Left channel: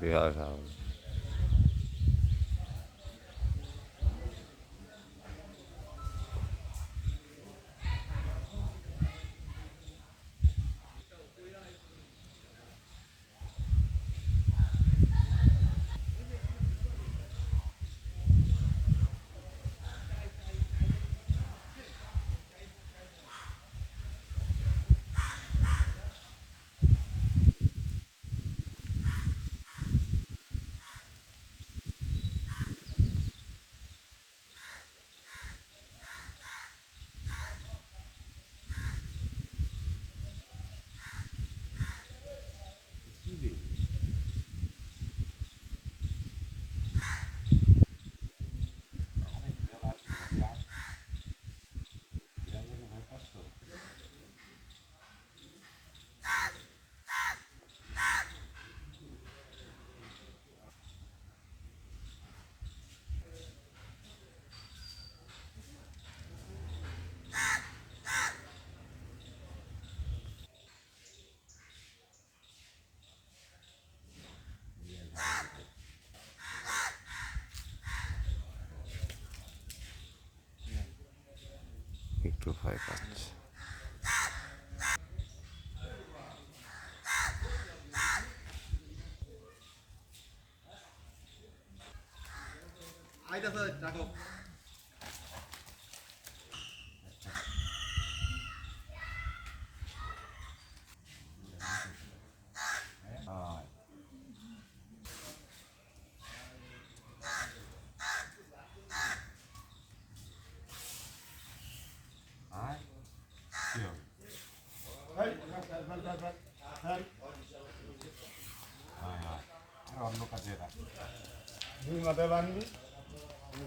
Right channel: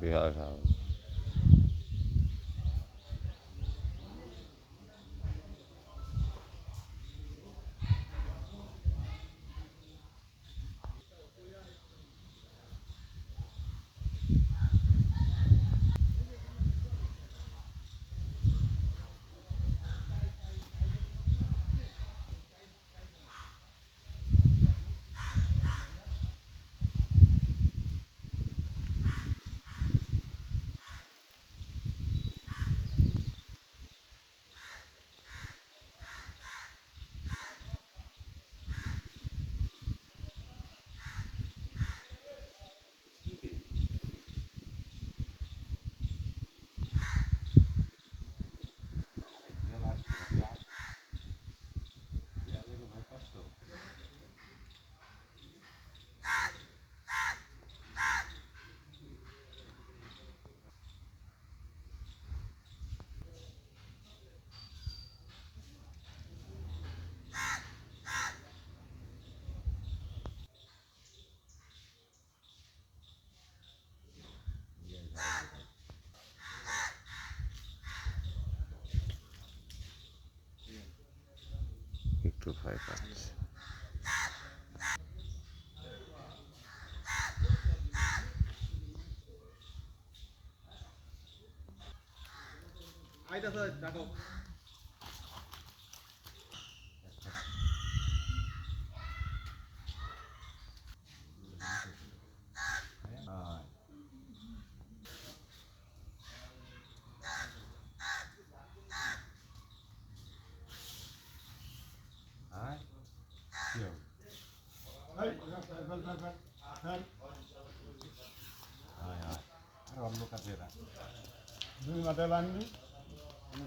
Bihar house. একটু ভয় পাচ্ছে। অন্য কাজে দুই মাথায় বানবি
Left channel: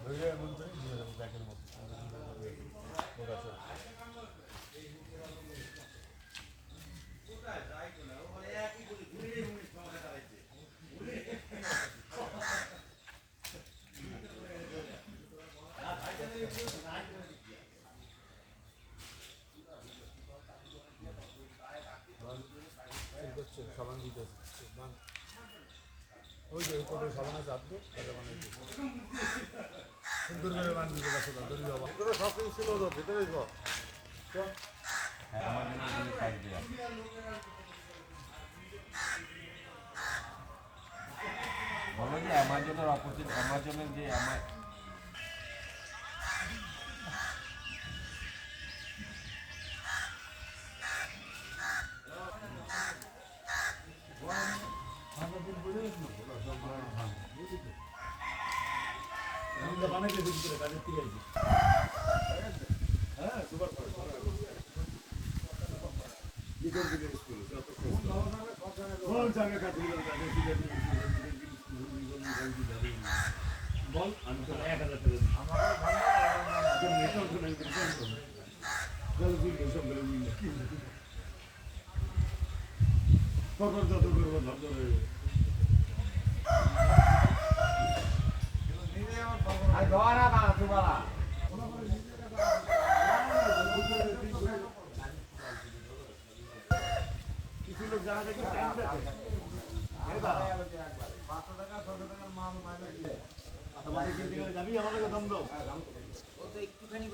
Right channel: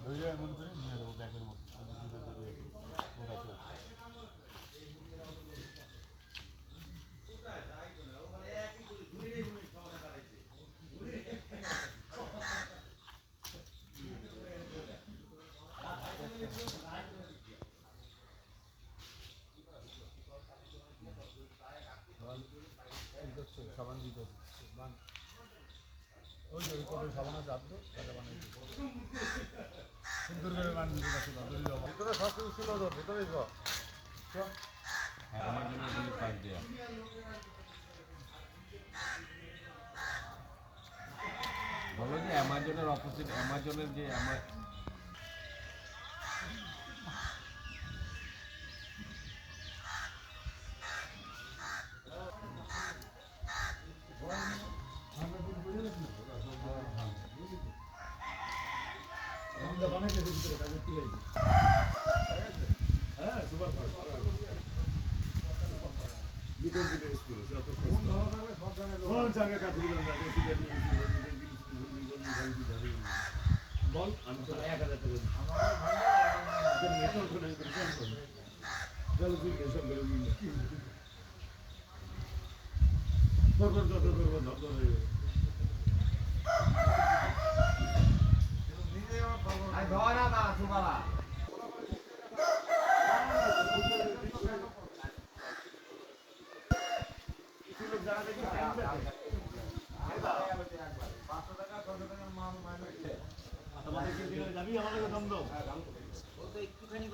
ধরে এমন করে নিয়ে যাবো ব্যাগের মধ্যে সাবান দিতে ওই যে করে সাবান আছে আধ তাহলে বানাই সুন্দর করে বান দিতে পারছো না দড়ি যাবো ভিতরে সব কিছু ছিল তো ভিতরে যাও বলো যে অ্যামাজনের অপোজিট অ্যামাজনের যে বল আমি তো 1000 টাকা দিই কিছু লোক যারা দেখে 500 টাকা 600 টাকার মাল যাবি আমাদের দাম দাও একটুখানি